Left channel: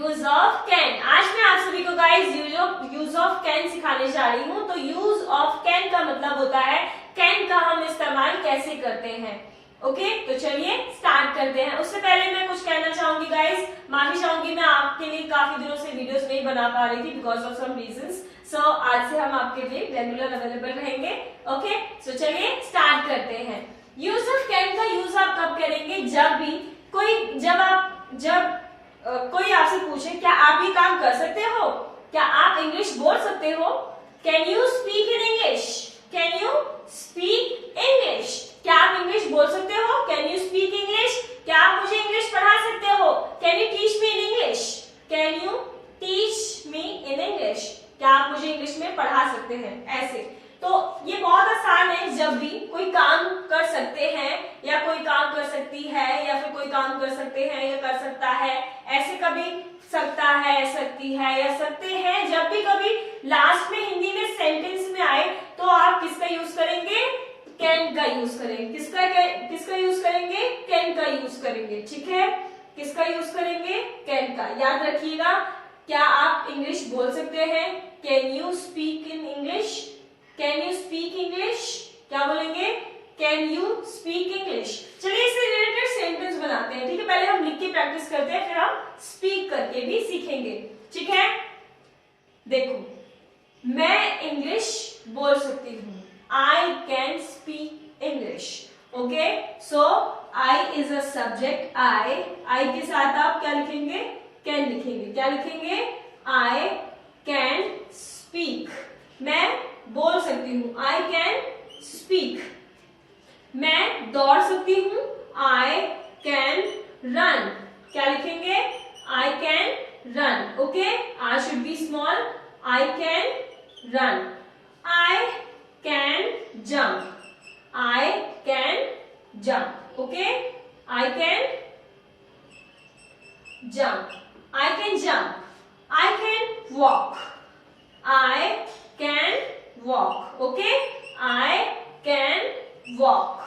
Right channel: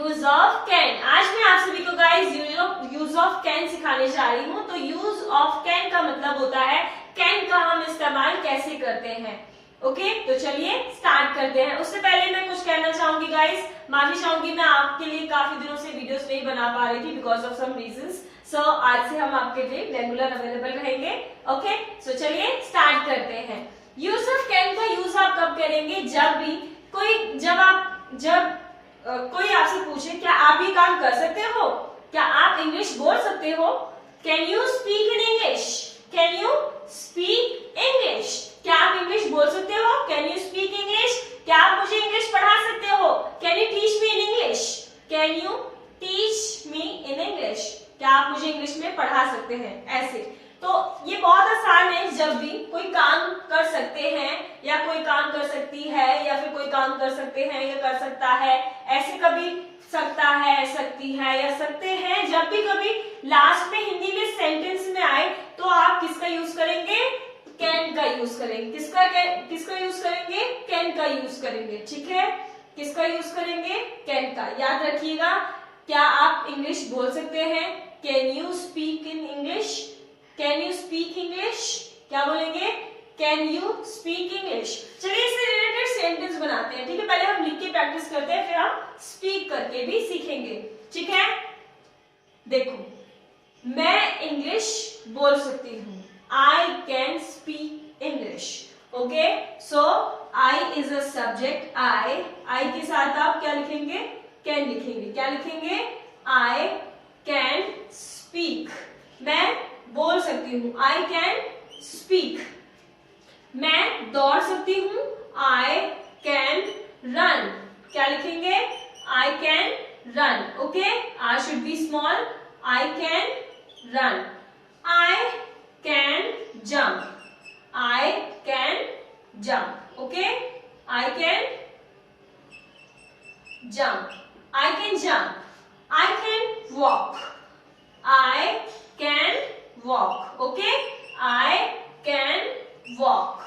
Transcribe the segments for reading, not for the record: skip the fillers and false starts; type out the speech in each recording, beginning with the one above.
Use of can. आज मैं आप सभी को गाइस यूज ऑफ कैन सिखाने जा रही हूँ। तो यूज ऑफ कैन का मतलब होता है कैन का हम इस्तेमाल कैसे करते हैं। ओके, तो चलिए स्टार्ट करते हैं। उससे पहले मैं कुछ कहना चाहूंगी गाइस, माफी चाहूंगी, मैं आपके लिए काफी दिनों से वीडियोस नहीं बना पा रही थी बिकॉज ऑफ सम रीजंस। सो आज से हम आपके लिए रेगुलर अवेलेबल रहेंगे। ओके, सो चलिए स्टार्ट करते हैं। यूज ऑफ कैन का यूज आप कब करेंगे? जब कोई आपसे पूछे क्या आप ये काम कर सकते हो, क्या आप इंग्लिश बोल सकते हो, can you speak in English, can you speak English, क्या आप इंग्लिश बोल सकते हो, कैन यू स्पीक इंग्लिश, क्या आप मुझे इंग्लिश पढ़ा सकते हो, can you teach me in English, can you teach me in English, क्या आप मुझे इंग्लिश में पढ़ा सकते हैं। ऐसे तो ये बहुत आसान है। जब भी कोई काम कर सकते हैं या कोई काम कर सकती है या फिर कोई काम कर सकते हैं या कर सकता है, ऐसे कभी सकता है, सकती है या सकते हैं, जब भी कभी लास्ट में हिंदी में सेंटेंस में आए तो आप किसका यूज करेंगे? कैन का यूज करेंगे। किसका यूज करेंगे? कैन का यूज करेंगे। ठीक है, किसका यूज करेंगे? कैन का। याद रखिएगा, क्या आप इंग्लिश बोल सकते हैं? Can you speak in English, can you speak English, क्या बोलेंगे? Can you speak English. चलिए इससे रिलेटेड सेंटेंस बनाते हैं। ठीक है, पहले हम लिख के प्रैक्टिस करते हैं, फिर हम स्पीक करके भी सीखेंगे। ठीक है, देखो, मैं इंग्लिश बोल सकती हूँ। I can speak English. Okay, so I is a subject. I के साथ आप क्या लिखेंगे? कैन लिखेंगे। क्या लिखेंगे? I can speak. मैं बोल सकती हूँ, आई कैन स्पीक। मैं दौड़ सकती हूँ, आई कैन रन। क्या लिखेंगे? I can run. Okay, I should be small, I can run. I can jump, I can jump. Okay, I can jump, I can jump. I can walk, I can walk. Okay, I can walk.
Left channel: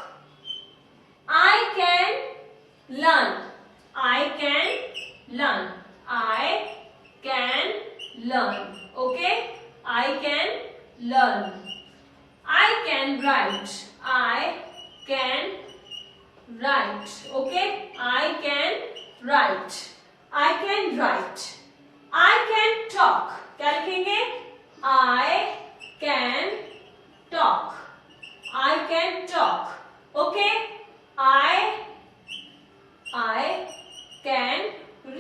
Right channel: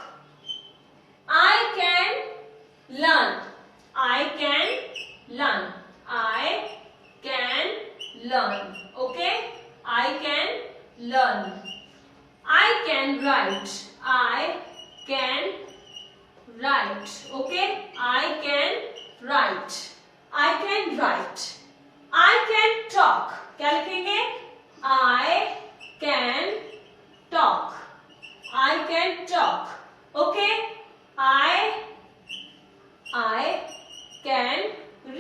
I can learn, I can learn, I can learn. Okay, I can learn. I can write, I can write. Okay, I can write, I can write. I can talk. क्या लिखेंगे? I can talk, I can talk. Okay, I can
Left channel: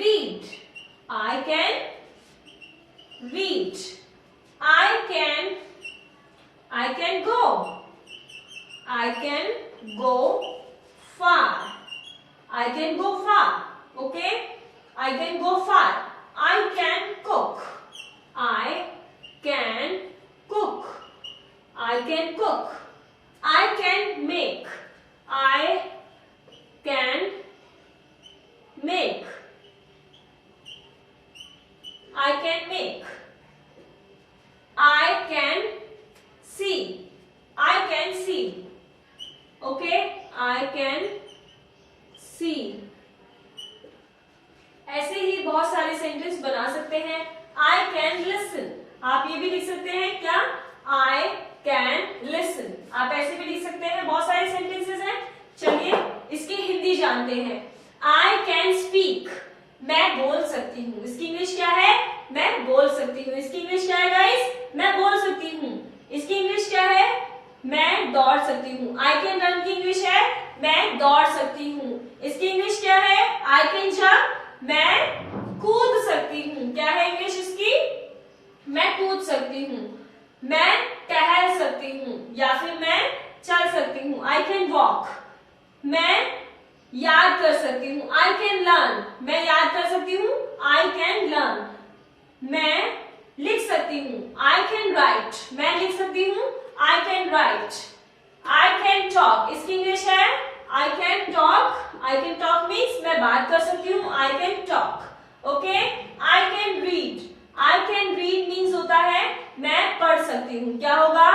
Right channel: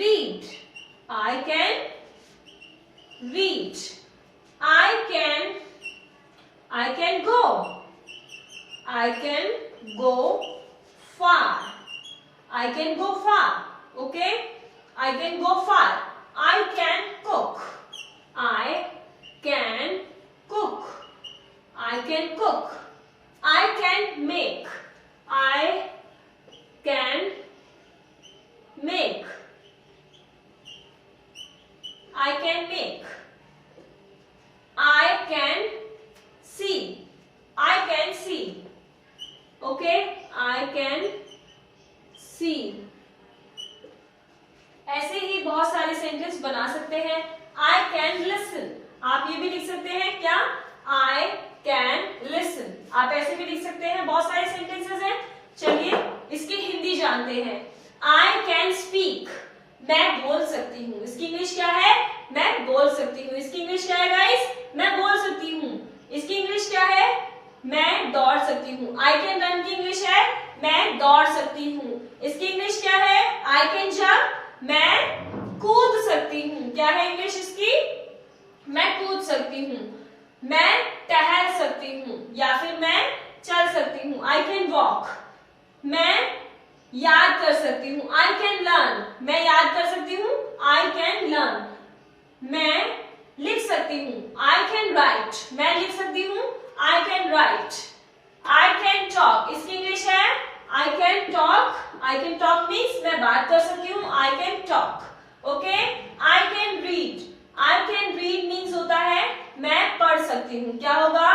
read, I can read. I can go, I can go far, I can go far. Okay, I can go far. I can cook, I can cook, I can cook. I can make, I can make, I can make. I can see, I can see. Okay, I can see. ऐसे ही बहुत सारे sentence बना सकते हैं। I can listen, आप ये भी लिख सकते हैं। क्या? I can listen, आप ऐसे भी लिख सकते हैं। बहुत सारे सेंटेंसेस हैं। चलिए इसकी हिंदी जानते हैं। I can speak, मैं बोल सकती हूँ। इसकी इंग्लिश क्या है? मैं बोल सकती हूँ। इसकी इंग्लिश क्या है गाइस? मैं बोल सकती हूँ। इसकी इंग्लिश क्या है? मैं दौड़ सकती हूँ। I can run की इंग्लिश है मैं दौड़ सकती हूँ। इसकी इंग्लिश क्या है? I can jump, मैं कूद सकती हूँ। क्या है इंग्लिश इसकी? मैं कूद सकती हूँ। मैं टहल सकती हूँ या फिर मैं चल सकती हूँ। I can walk, मैं याद कर सकती हूँ। I can learn, मैं याद कर सकती हूँ। I can learn, मैं लिख सकती हूँ। I can write, मैं लिख सकती हूँ। I can write. I can talk, इसकी इंग्लिश है I can talk. I can talk means मैं बात कर सकती हूँ। I can talk. Okay? I can read. I can read means होता है मैं पढ़ सकती हूँ। क्या होगा?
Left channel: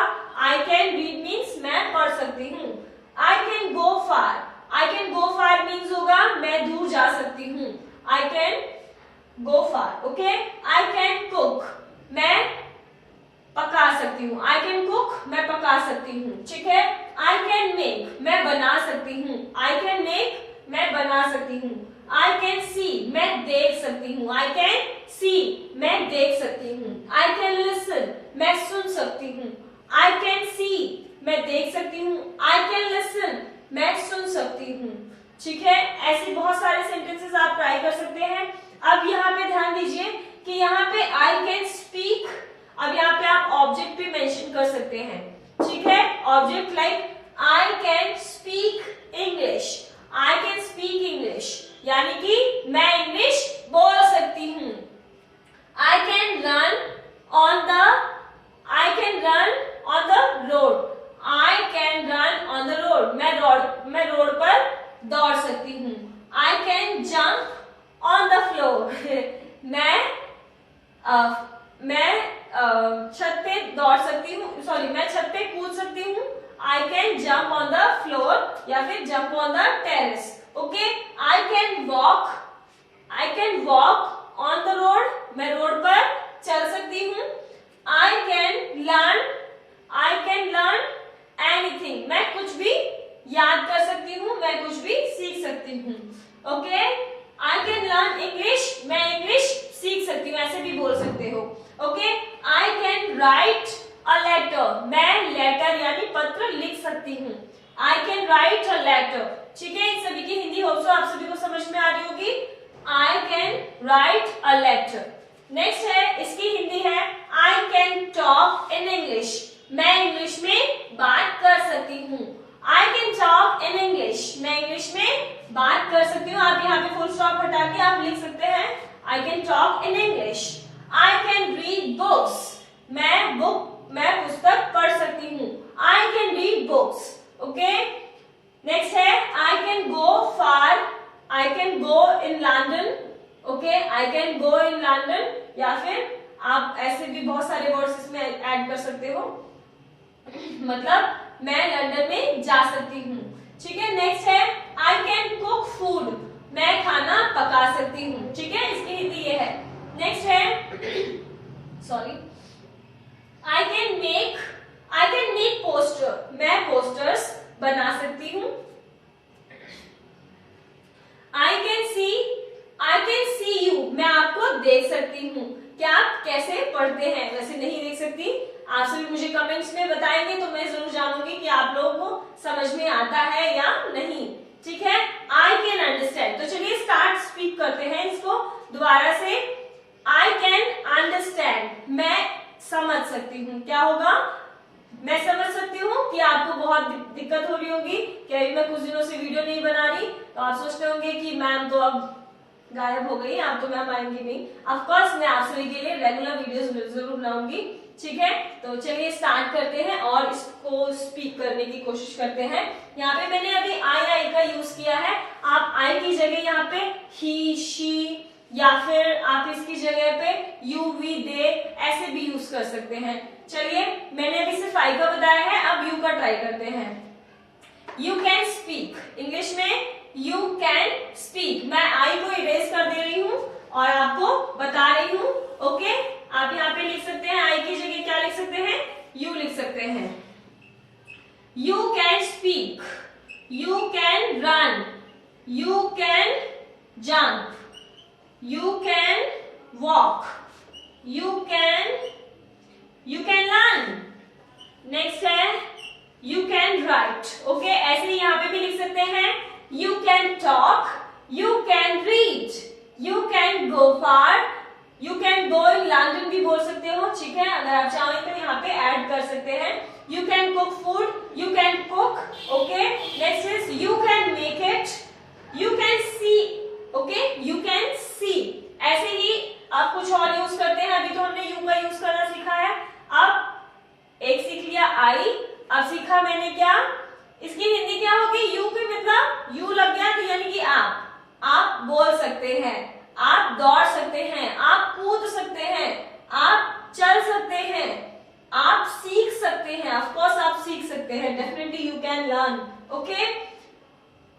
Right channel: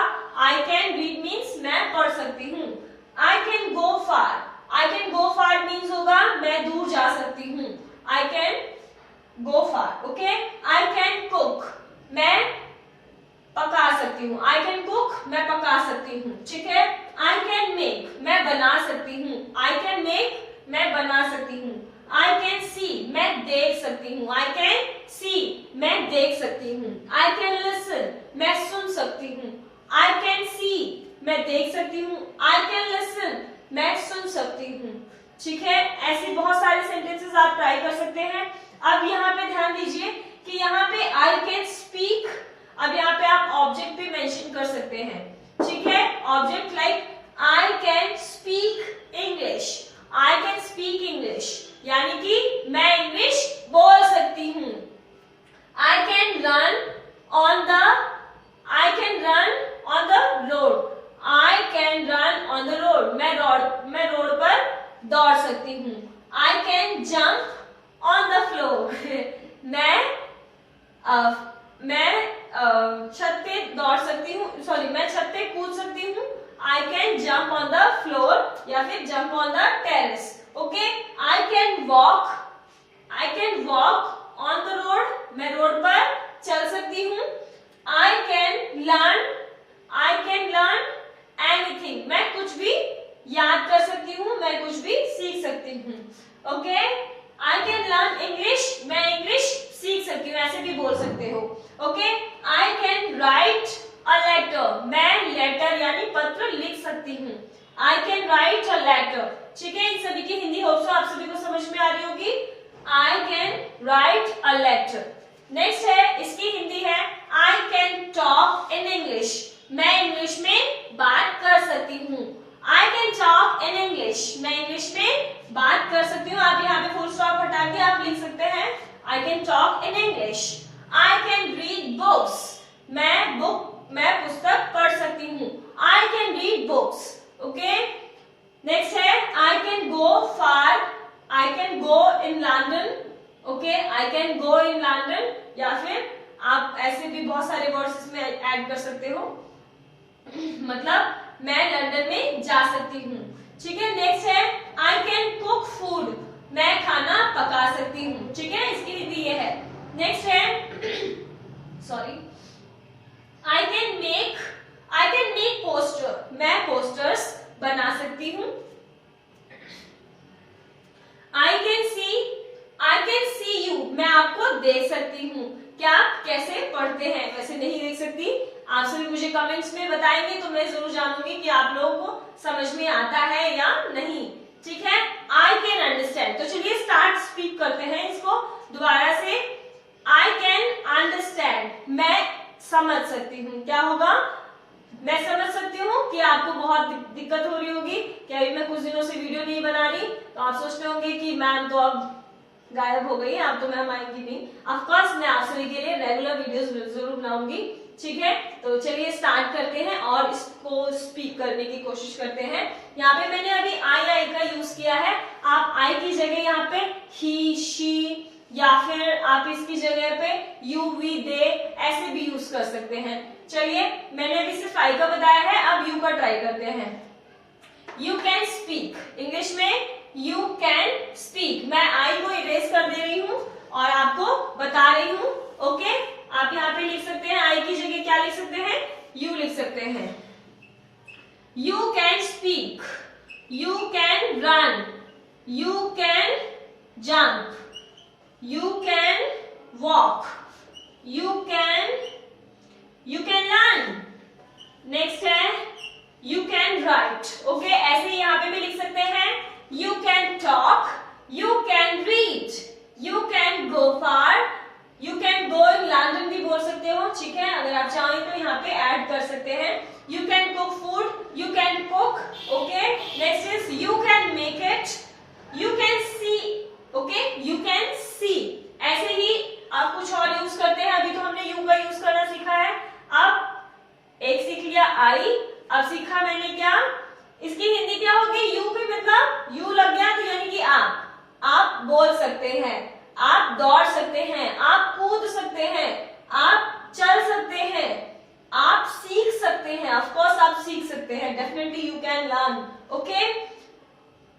I can read means मैं पढ़ सकती हूँ। I can go far. I can go far means होगा मैं दूर जा सकती हूँ। I can go far. Okay, I can cook, मैं पका सकती हूँ. I can cook, मैं पका सकती हूँ. ठीक है. I can make, मैं बना सकती हूँ. I can make, मैं बना सकती हूँ. I can see, मैं देख सकती हूँ. I can see, मैं देख सकती हूँ. I can listen, मैं सुन सकती हूँ. I can see, मैं देख सकती हूँ. I can listen, मैं सुन सकती हूँ. ठीक है. ऐसे बहुत सारे सेंटेंसेस आप ट्राई कर सकते हैं. अब यहाँ पे ध्यान दीजिए कि यहाँ पे I can speak, अब यहाँ पे आप ऑब्जेक्ट भी मेंशन कर सकते हैं. ठीक है. Object like I can speak English, I can speak English, यानी कि मैं इंग्लिश बोल सकती हूँ. I can run on the road, I can run on the road, मैं रोड पर दौड़ सकती हूँ. I can jump on the floor, मैं छत पे दौड़ सकती हूँ, सॉरी मैं छत पे कूद सकती हूँ. I can jump on the floor या फिर jump on the terrace. Okay, I can walk on the road, मैं रोड पर चल सकती हूँ. I can learn anything, मैं कुछ भी याद कर सकती हूँ, मैं कुछ भी सीख सकती हूँ. Okay, I can learn English, मैं इंग्लिश सीख सकती हूँ, ऐसे भी बोल सकते हो. Okay, I can write a letter, मैं लेटर यानी पत्र लिख सकती हूँ. I can write a letter. ठीक है. इन सभी की हिंदी होप्सो आप सभी को समझ में आ रही होगी. I can write a letter. Next है, इसकी हिंदी है I can talk in English, मैं इंग्लिश में बात कर सकती हूँ. I can talk in English, मैं इंग्लिश में बात कर सकती हूँ. आप यहाँ पे फुल स्टॉप हटा के आप लिख सकते हैं I can talk in English. I can read books, मैं पुस्तक पढ़ सकती हूँ. I can read books. Okay. Next है I can go far, I can go in London. Okay, I can go in London, या फिर आप ऐसे भी बहुत सारे वर्ड्स इसमें ऐड कर सकते हो. मतलब मैं लंदन में जा सकती हूँ. ठीक है. नेक्स्ट है I can cook food, मैं खाना पका सकती हूँ. ठीक है. इसकी हिंदी ये है. नेक्स्ट है sorry I can make poster, मैं पोस्टर्स बना सकती हूँ. I can see you, मैं आपको देख सकती हूँ. क्या आप कैसे पढ़ते हैं? वैसे नहीं देख सकती. आप सभी मुझे कमेंट्स में बताएंगे तो मैं जरूर जानूंगी कि आप लोगों को समझ में आता है या नहीं. ठीक है. I can understand. तो चलिए स्टार्ट स्पीक करते हैं इसको दोबारा से. I can understand, मैं समझ सकती हूँ. क्या होगा? मैं समझ सकती हूँ कि आपको बहुत दिक्कत हो रही होगी कि अभी मैं कुछ दिनों से वीडियो नहीं बना रही, तो आप सोचते होंगे कि मैम तो अब गायब हो गई, आप तो मैम आएंगी नहीं. ऑफ कोर्स मैं आप सभी के लिए रेगुलर वीडियोस जरूर बनाऊंगी. ठीक है. तो चलिए स्टार्ट करते हैं और इसको स्पीक करने की कोशिश करते हैं. यहाँ पे मैंने अभी आई का यूज किया है. आप आई की जगह यहाँ पे ही, शी या फिर आप इसकी जगह पे यू, वी, दे ऐसे भी यूज कर सकते हैं. चलिए मैंने अभी सिर्फ आई का बताया है, अब यू का ट्राई करते हैं. यू कैन स्पीक, इंग्लिश में यू कैन स्पीक. मैं आई को इरेज कर दे रही हूँ और आपको बता रही हूँ. ओके. आप यहाँ पे लिख सकते हैं आई की जगह क्या लिख सकते हैं? यू लिख सकते हैं. You can speak, you can run, you can jump, you can walk, you can learn. Next है you can write. ओके. ऐसे यहाँ पे भी लिख सकते हैं you can talk, you can read, you can go far, you can go in London भी बोल सकते हो. ठीक है. अगर आप चाहें तो यहाँ पे ऐड कर सकते हैं. you can cook food, you can cook. Okay. Next is you can make it, you can see. Okay. you can see. ऐसे ही आप कुछ और यूज करते हैं. अभी तो हमने यू का यूज करना सीखा है. अब एक सीख लिया आई, अब सीखा मैंने क्या? इसकी हिंदी क्या होगी? यू की मतलब यू लग गया तो यानी कि आप बोल सकते हैं, आप दौड़ सकते हैं, आप कूद सकते हैं, आप चल सकते हैं, आप सीख सकते हैं. ऑफ कोर्स आप सीख सकते हैं. Definitely you can learn. Okay.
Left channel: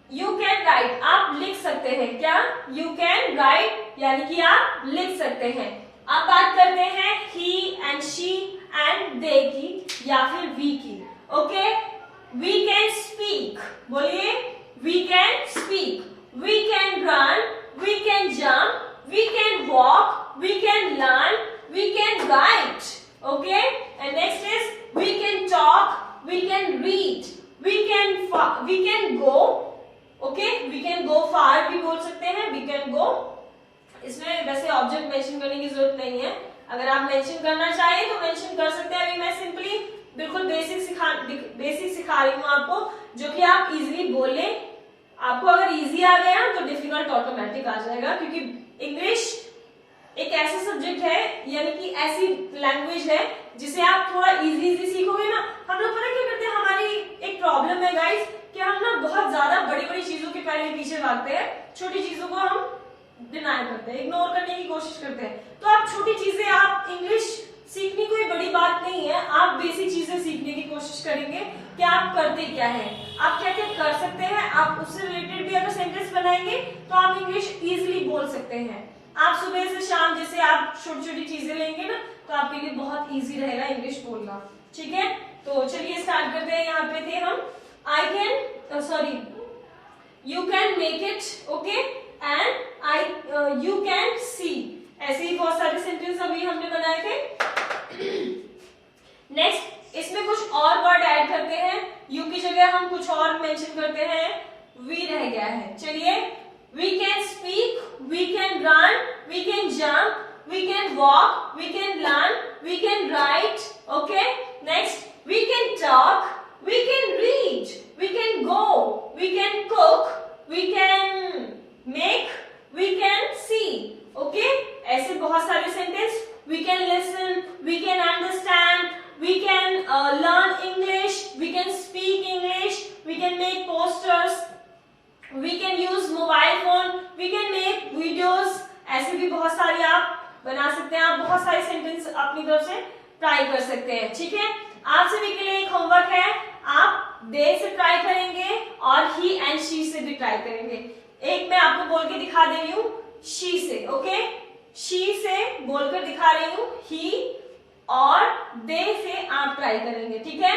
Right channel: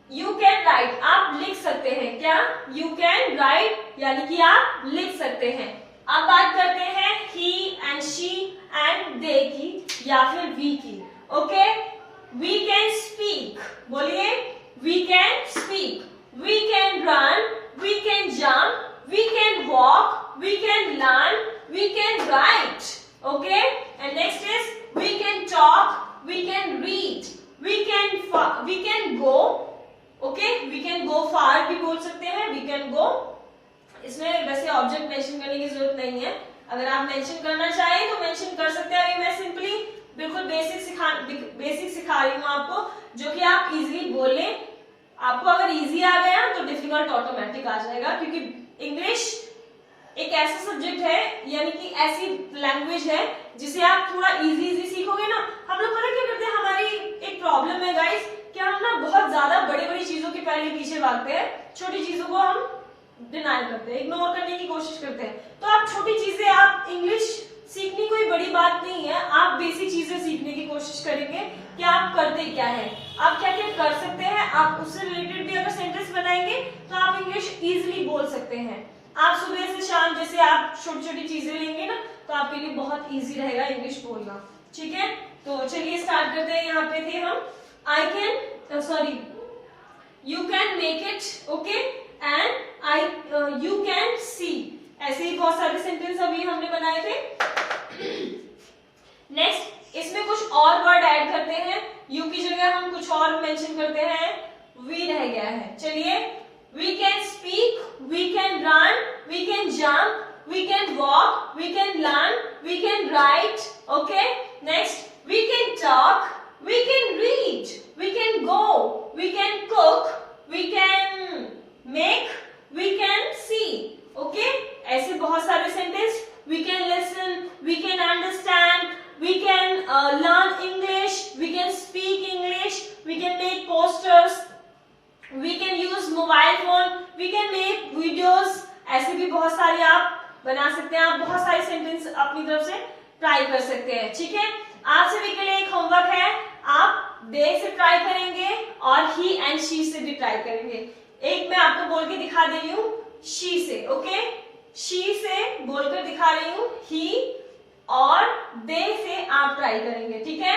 You can write, आप लिख सकते हैं. क्या? यू कैन राइट यानी कि आप लिख सकते हैं। अब बात करते हैं he and she and they की या फिर वी की। ओके, वी कैन स्पीक, बोलिए we can speak, we can run, we can jump, we can walk, we can learn, we can write. Okay, and next is we can talk, we can read, we can go. Okay, we can go far भी बोल सकते हैं, we can go. इसमें वैसे object mention करने की जरूरत नहीं है, अगर आप मेंशन करना चाहें तो मेंशन कर सकते हैं। अभी मैं सिंपली बिल्कुल बेसिक सिखा रही हूँ आपको, जो कि आप इजीली बोल लें। आपको अगर इजी आ गया तो डिफिकल्ट ऑटोमेटिक आ जाएगा, क्योंकि इंग्लिश एक ऐसा सब्जेक्ट है, यानी कि ऐसी लैंग्वेज है जिसे आप थोड़ा इजी सीखोगे ना। हम लोग पता क्या करते हैं, हमारी एक प्रॉब्लम है गाइस कि हम ना बहुत ज्यादा बड़ी बड़ी चीजों के पहले पीछे भागते हैं, छोटी चीजों को हम डिनाई करते हैं, इग्नोर करने की कोशिश करते हैं। तो आप छोटी चीजें, आप इंग्लिश सीखनी कोई बड़ी बात नहीं है, आप बेसिक चीजें सीखने की कोशिश करेंगे कि आप करते क्या है, आप क्या क्या कर सकते हैं, आप उससे रिलेटेड भी अगर सेंटेंस बनाएंगे तो आप इंग्लिश इजीली बोल सकते हैं। आप सुबह से शाम जैसे आप छोटी छोटी चीजें लेंगे ना, तो आपके लिए बहुत इजी रहेगा इंग्लिश बोलना। ठीक है, तो चलिए स्टार्ट करते हैं। यहाँ पे थे हम, I can, sorry, you can make it, okay, and you can see, ऐसे ही बहुत सारे सेंटेंस अभी हमने बनाए थे। नेक्स्ट, इसमें कुछ और वर्ड ऐड करते हैं, यू की जगह हम कुछ और मेंशन करते हैं, वी रह गया है। चलिए, we can speak, we can run, we can jump, we can walk, we can learn, we can write. Okay, next, we can talk, we can read, we can go, we can cook, we can make, we can see. Okay, ऐसे बहुत सारे sentence, we can listen, we can understand, we can learn English, we can speak English, we can make posters, we can use mobile phone, we can make videos। ऐसे भी बहुत सारी आप बना सकते हैं, आप बहुत सारे सेंटेंस अपनी तरफ से ट्राई कर सकते हैं। ठीक है, आप सभी के लिए एक होमवर्क है, आप दे से ट्राई करेंगे और ही एंड शी से भी ट्राई करेंगे। एक मैं आपको बोल के दिखा दे रही हूँ, शी से। ओके, शी से बोलकर दिखा रही हूँ, ही और दे से आप ट्राई करेंगे। ठीक है,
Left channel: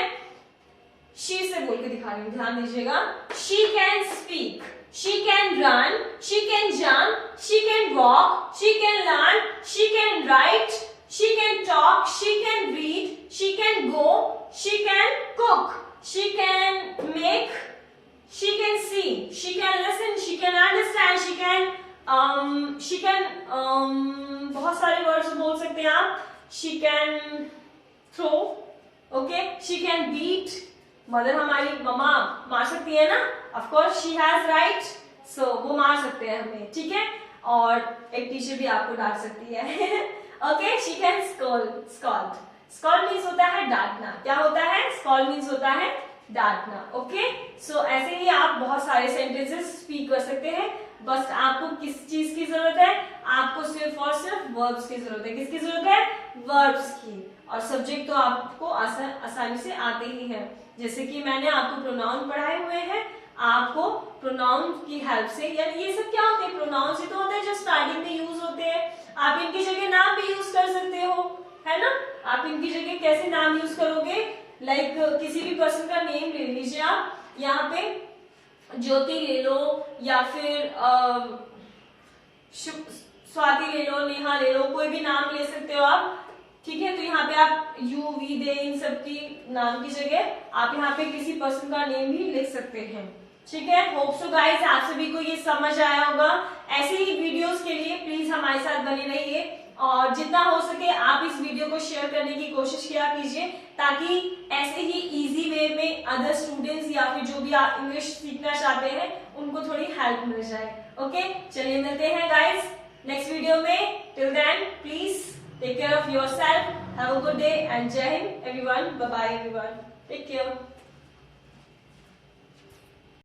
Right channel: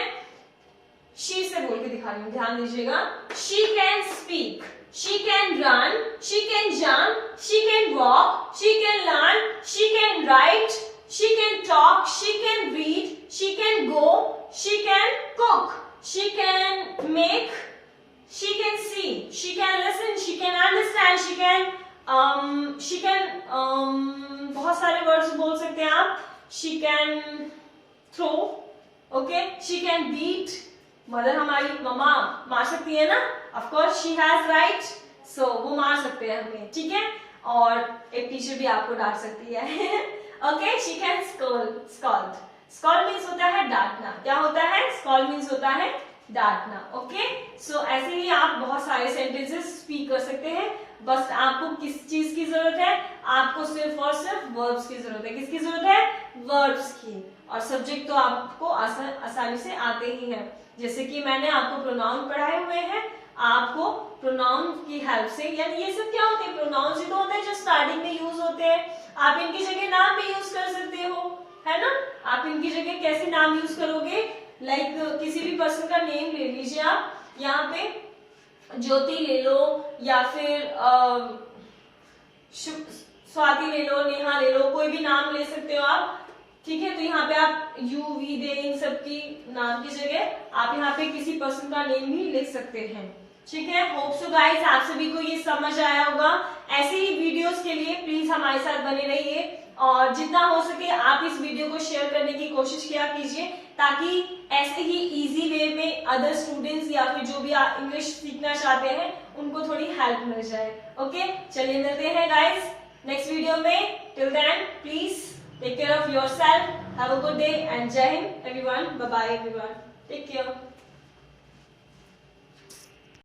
शी से बोल के दिखा रही हूँ, ध्यान दीजिएगा। She can speak, she can run, she can jump, she can walk, she can learn, she can write, she can talk, she can read, she can go, she can cook, she can make, she can see, she can listen, she can understand, she can बहुत सारे words बोल सकते हैं आप। She can throw, okay, she can beat, mother हमारी मम्मा मार सकती है ना, of course she has right, so वो मार सकते हैं हमें। ठीक है, और एक टीचर भी आपको डांट सकती है। okay, she can scold means होता है डांटना। क्या होता है? scold means होता है डांटना। ओके, सो ऐसे ही आप बहुत सारे सेंटेंसेस स्पीक कर सकते हैं। बस आपको किस चीज की जरूरत है? आपको सिर्फ और सिर्फ वर्ब्स की जरूरत है। किसकी जरूरत है? वर्ब्स की। और सब्जेक्ट तो आपको आसानी से आते ही हैं। जैसे कि मैंने आपको प्रोनाउन पढ़ाए हुए हैं, आपको प्रोनाउन की हेल्प से, यानी ये सब क्या होते हैं? प्रोनाउन से तो होते हैं जो स्टार्टिंग में यूज होते हैं। आप इनकी जगह नाम भी यूज कर सकते हो, है ना। आप इनकी जगह कैसे नाम यूज करोगे? लाइक किसी भी पर्सन का नेम ले लीजिए आप, यहाँ पे ज्योति ले लो या फिर स्वाति ले लो, नेहा ले लो, कोई भी नाम ले सकते हो आप। ठीक है, तो यहाँ पे आप यू वी दे इन सब की नाम की जगह आप यहाँ पे किसी पर्सन का नेम भी लिख सकते हैं। ठीक है, होप सो गाइस आप सभी को ये समझ आया होगा। ऐसे ही वीडियोस के लिए प्लीज हमारे साथ बने रहिए और जितना हो सके आप इस वीडियो को शेयर करने की कोशिश किया कीजिए, ताकि ऐसे ही इजी वे में अदर स्टूडेंट्स या फिर जो भी आप इंग्लिश सीखना चाहते हैं उनको थोड़ी हेल्प मिल जाए। ओके, चलिए मिलते हैं गाइस नेक्स्ट वीडियो में। Till then please take care of yourself, have a good day and जय हिंद everyone, bye bye everyone, take care.